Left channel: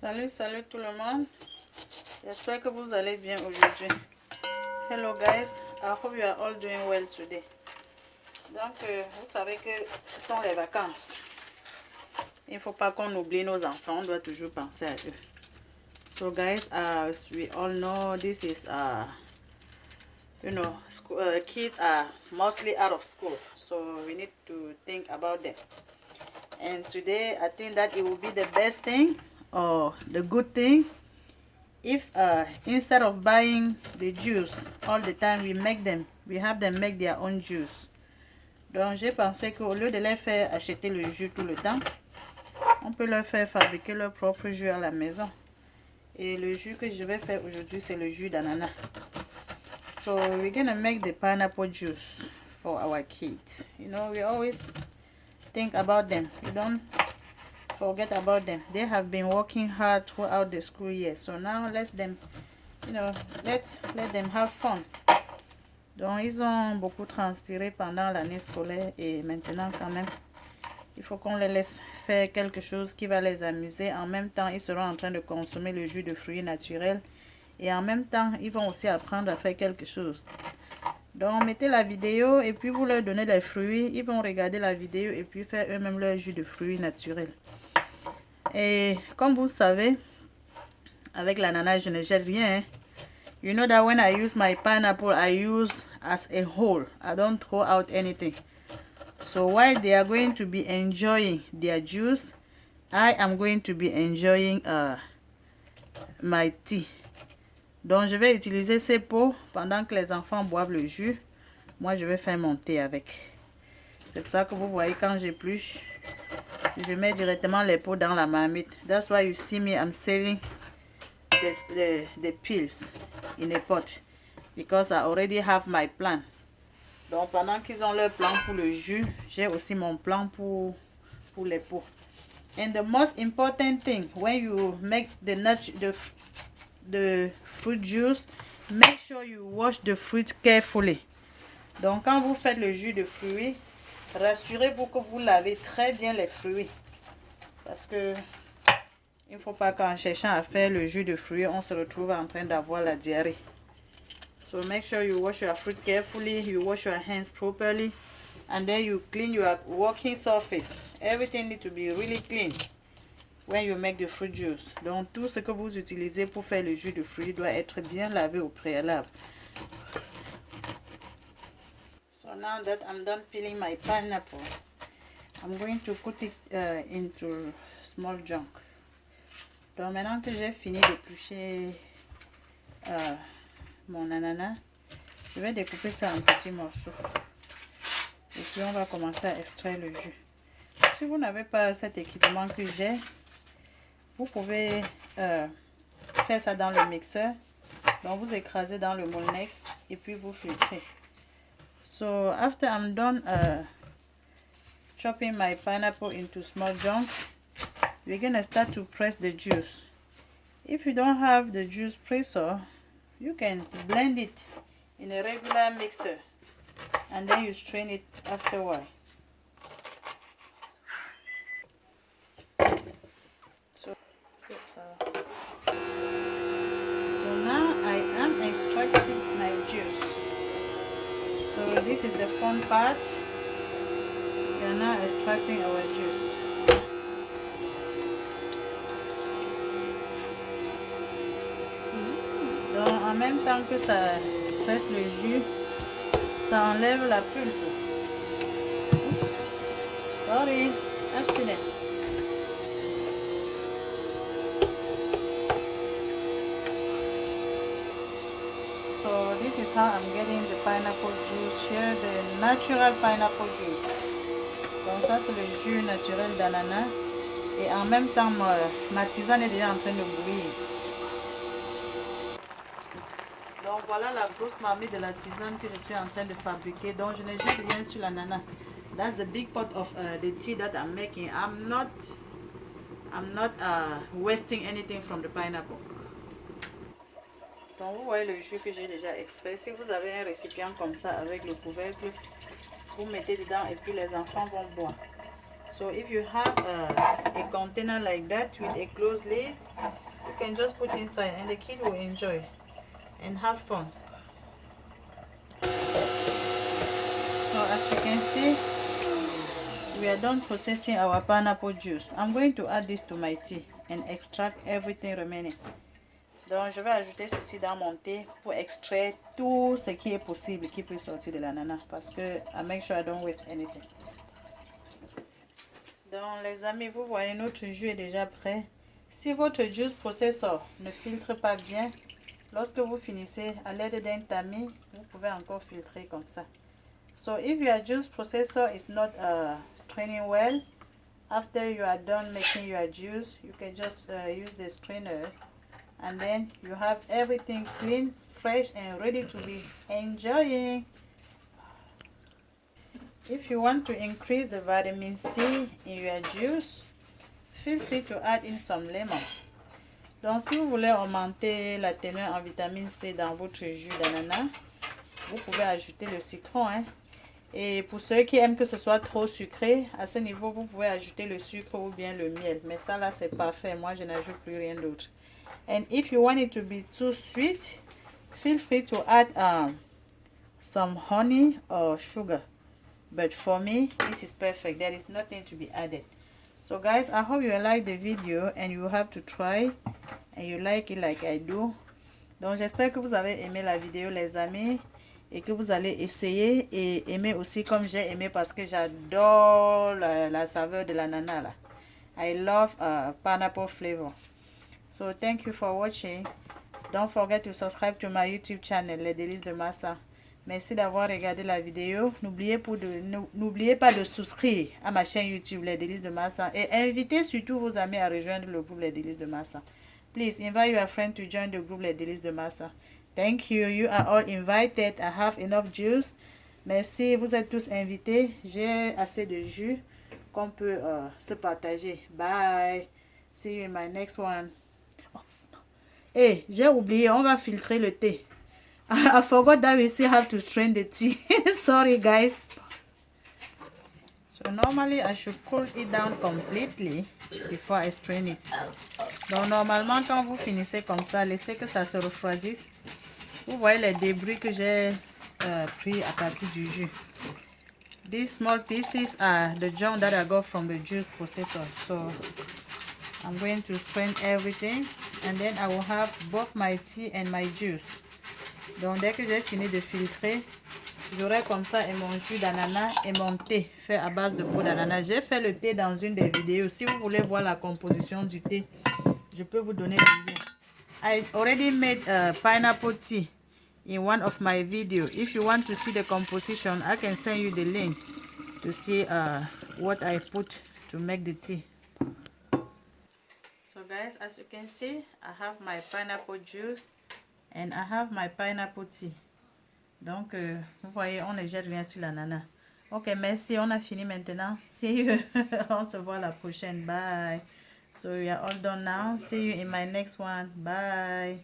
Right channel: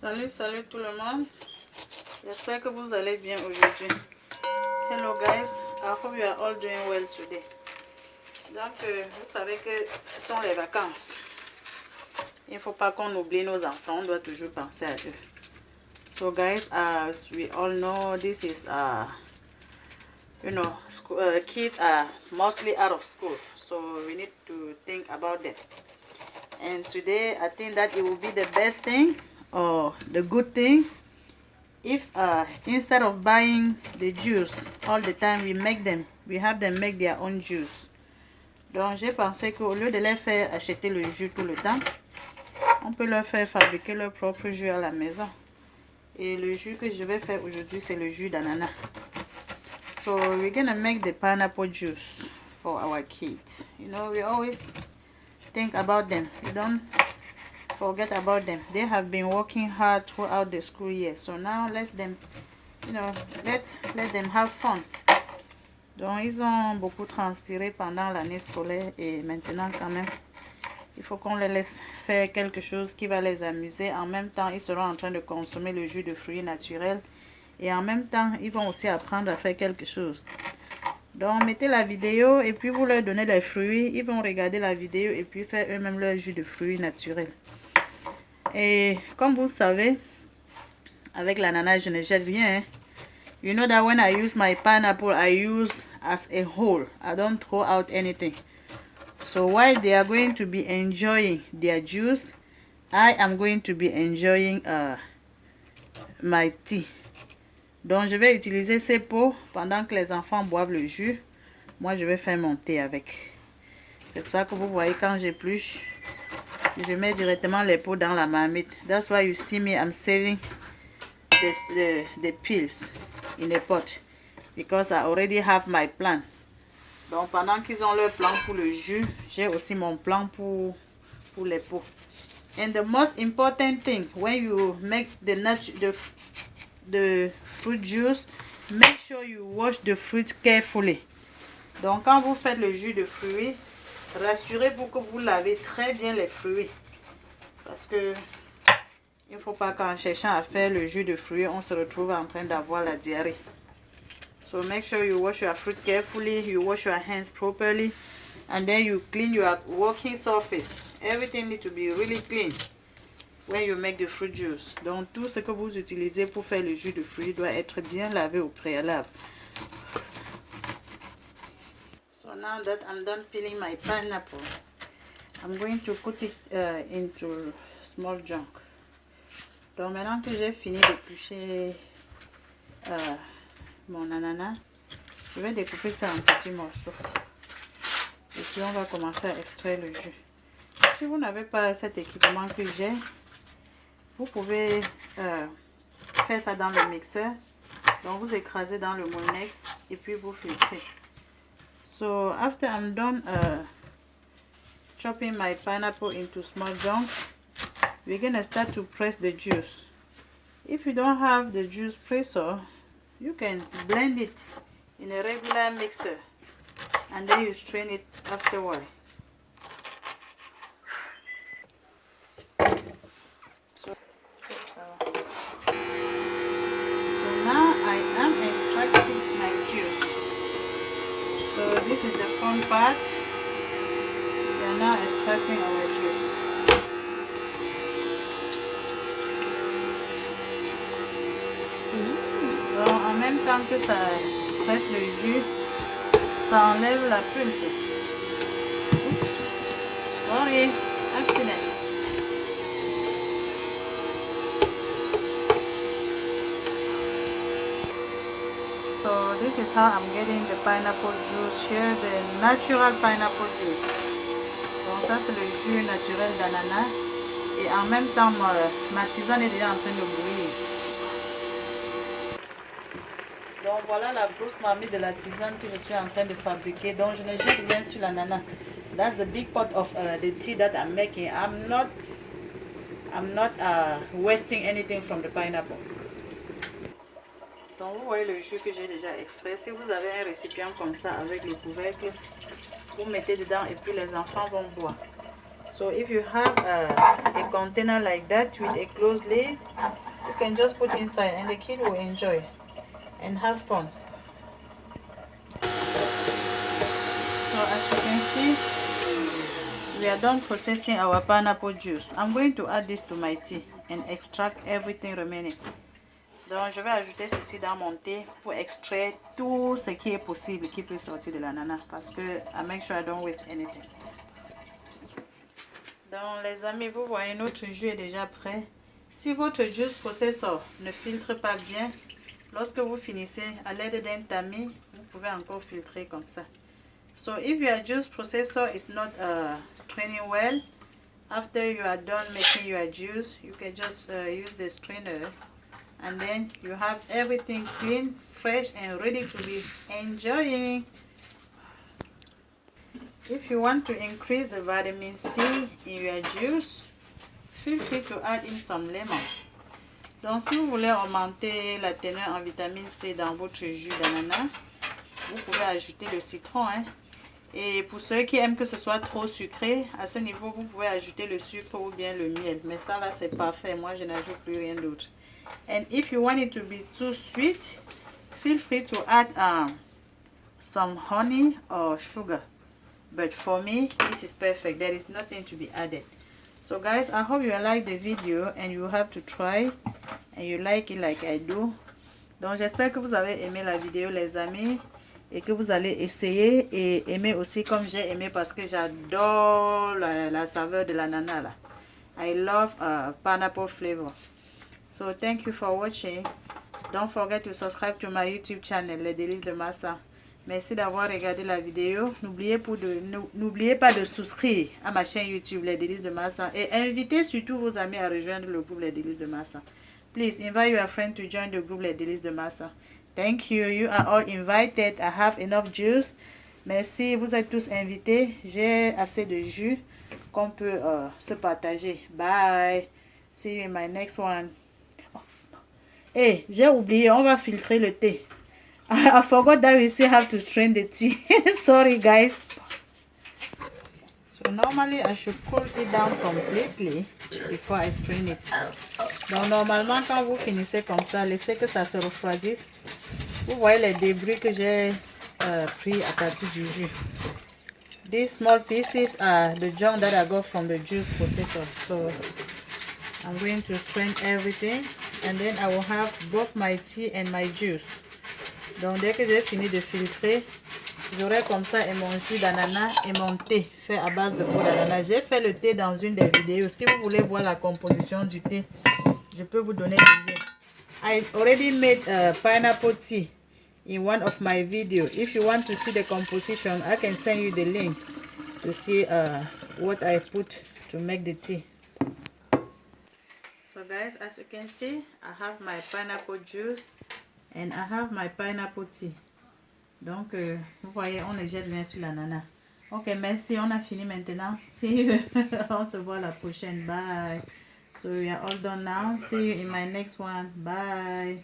Salut tout le monde. J'espère que vous allez bien aujourd'hui. Hello guys, I hope you are all doing well today. Donc, vous savez que ce sont les vacances. Il ne faut pas qu'on oublie nos enfants, on doit toujours penser à eux. So guys, as we all know, this is kids are mostly out of school, so we need to think about them. And today I think that it will be the best thing or the good thing if instead of buying the juice all the time, we have them make their own juice. Donc j'ai pensé qu'au lieu de les faire acheter le jus tout le temps, on peut leur faire fabriquer leur propre jus à la maison. Et le jus que je vais faire aujourd'hui, c'est le jus d'ananas. So we're gonna make the pineapple juice for our kids. You know, we always think about them. We don't forget about them. They have been working hard throughout the school year. So now let's let them have fun. Donc ils ont beaucoup transpiré pendant l'année scolaire et maintenant quand même, il faut qu'on les laisse faire quelque chose qui va les amuser. En même temps, ils seront en train de consommer le jus de fruits naturels. Et en même temps, ils vont aussi apprendre à faire quelque chose. Donc, mettez la vidéo et puis vous leur donnez les fruits. Ils vont regarder la vidéo et puis faire eux-mêmes leur jus de fruits naturels. Et comme vous savez, avec l'ananas, je ne jette rien. Hein? You know that when I use my pineapple, I use as a whole. I don't throw out anything. So while they are going to be enjoying their juice, I am going to be enjoying my tea. Donc je vais utiliser ces pots pendant que les enfants boivent le jus. Moi je vais faire mon thé avec. C'est pour ça que vous voyez quand j'épluche, je mets directement les pots dans la marmite. That's why you see me, I'm saving the peels in a pot. Because I already have my plan. Donc pendant qu'ils ont leur plan pour le jus, j'ai aussi mon plan pour les pots. And the most important thing, when you make the fruit juice, make sure you wash the fruit carefully. Donc quand vous faites le jus de fruits, rassurez-vous que vous lavez très bien les fruits. Parce que il ne faut pas qu'en cherchant à faire le jus de fruits, on se retrouve en train d'avoir la diarrhée. So make sure you wash your fruit carefully, you wash your hands properly, and then you clean your working surface. Everything needs to be really clean when you make the fruit juice. Donc tout ce que vous utilisez pour faire le jus de fruits doit être bien lavé au préalable. So now that I'm done peeling my pineapple, I'm going to put it into small junk. Donc maintenant que j'ai fini d'éplucher mon ananas, je vais découper ça en petits morceaux. Et puis on va commencer à extraire le jus. Si vous n'avez pas cet équipement que j'ai, vous pouvez faire ça dans le mixeur. Donc vous écrasez dans le Molnex et puis vous filtrez. So after I'm done chopping my pineapple into small chunks, we're gonna start to press the juice. If you don't have the juice presser, you can blend it in a regular mixer and then you strain it afterward. So now I am extracting my juice. So this is the fun part. We are now extracting our juice. Donc en même temps que ça presse le jus, ça enlève la pulpe. Oops, sorry, accident. So this is how I'm getting the pineapple juice here, the natural pineapple juice. Donc ça c'est le jus naturel d'ananas. Et en même temps, ma tisane est déjà en train de bouillir. Donc voilà la grosse marmite de la tisane que je suis en train de fabriquer. Donc je ne jette rien sur l'ananas. That's the big pot of the tea that I'm making. I'm not wasting anything from the pineapple. Donc vous voyez le jus que j'ai déjà extrait. Si vous avez un récipient comme ça avec le couvercle, vous mettez dedans et puis les enfants vont boire. So if you have a container like that with a closed lid, you can just put inside and the kid will enjoy and have fun. So as you can see, we are done processing our pineapple juice. I'm going to add this to my tea and extract everything remaining. Donc je vais ajouter ceci dans mon thé pour extraire tout ce qui est possible qui peut sortir de l'ananas, parce que I make sure I don't waste anything. Donc les amis, vous voyez, notre jus est déjà prêt. Si votre juice processor ne filtre pas bien, lorsque vous finissez à l'aide d'un tamis, vous pouvez encore filtrer comme ça. So if your juice processor is not straining well, after you are done making your juice, you can just use the strainer, and then you have everything clean, fresh and ready to be enjoying. If you want to increase the vitamin C in your juice, feel free to add in some lemon. Donc si vous voulez augmenter la teneur en vitamine C dans votre jus d'ananas, vous pouvez ajouter le citron, hein. Et pour ceux qui aiment que ce soit trop sucré, à ce niveau vous pouvez ajouter le sucre ou bien le miel, mais ça là c'est parfait. Moi je n'ajoute plus rien d'autre. And if you want it to be too sweet, feel free to add some honey or sugar. But for me, this is perfect. There is nothing to be added. So guys, I hope you like the video and you have to try and you like it like I do. Donc j'espère que vous avez aimé la vidéo les amis, et que vous allez essayer et aimer aussi comme j'ai aimé, parce que j'adore la saveur de l'ananas là. I love pineapple flavor. So thank you for watching. Don't forget to subscribe to my YouTube channel, Les Délices de Massa. Merci d'avoir regardé la vidéo. N'oubliez pas de souscrire à ma chaîne YouTube, Les Délices de Massa, et invitez surtout vos amis à rejoindre le groupe Les Délices de Massa. Please invite your friend to join the group Les Délices de Massa. Thank you. You are all invited. I have enough juice. Merci. Vous êtes tous invités. J'ai assez de jus qu'on peut se partager. Bye. See you in my next one. Hey, j'ai oublié. On va filtrer le thé. I forgot that we still have to strain the tea. Sorry, guys. So normally I should cool it down completely before I strain it. Donc normalement quand vous finissez comme ça, laissez que ça se refroidisse. Vous voyez les débris que j'ai pris à partir du jus. These small pieces are the junk that I got from the juice processor. So I'm going to strain everything and then I will have both my tea and my juice. Donc dès que j'ai fini de filtrer, j'aurai comme ça et mon jus d'ananas et mon thé fait à base de peau d'ananas. J'ai fait le thé dans une des vidéos. Si vous voulez voir la composition du thé, je peux vous donner le lien. I already made pineapple tea in one of my videos. If you want to see the composition, I can send you the link to see what I put to make the tea. So guys, as you can see, I have my pineapple juice and I have my pineapple tea. Donc, vous voyez, on ne jette rien sur l'ananas. Ok, merci, on a fini maintenant. See you. On se voit la prochaine. Bye. So we are all done now. See you in my next one. Bye.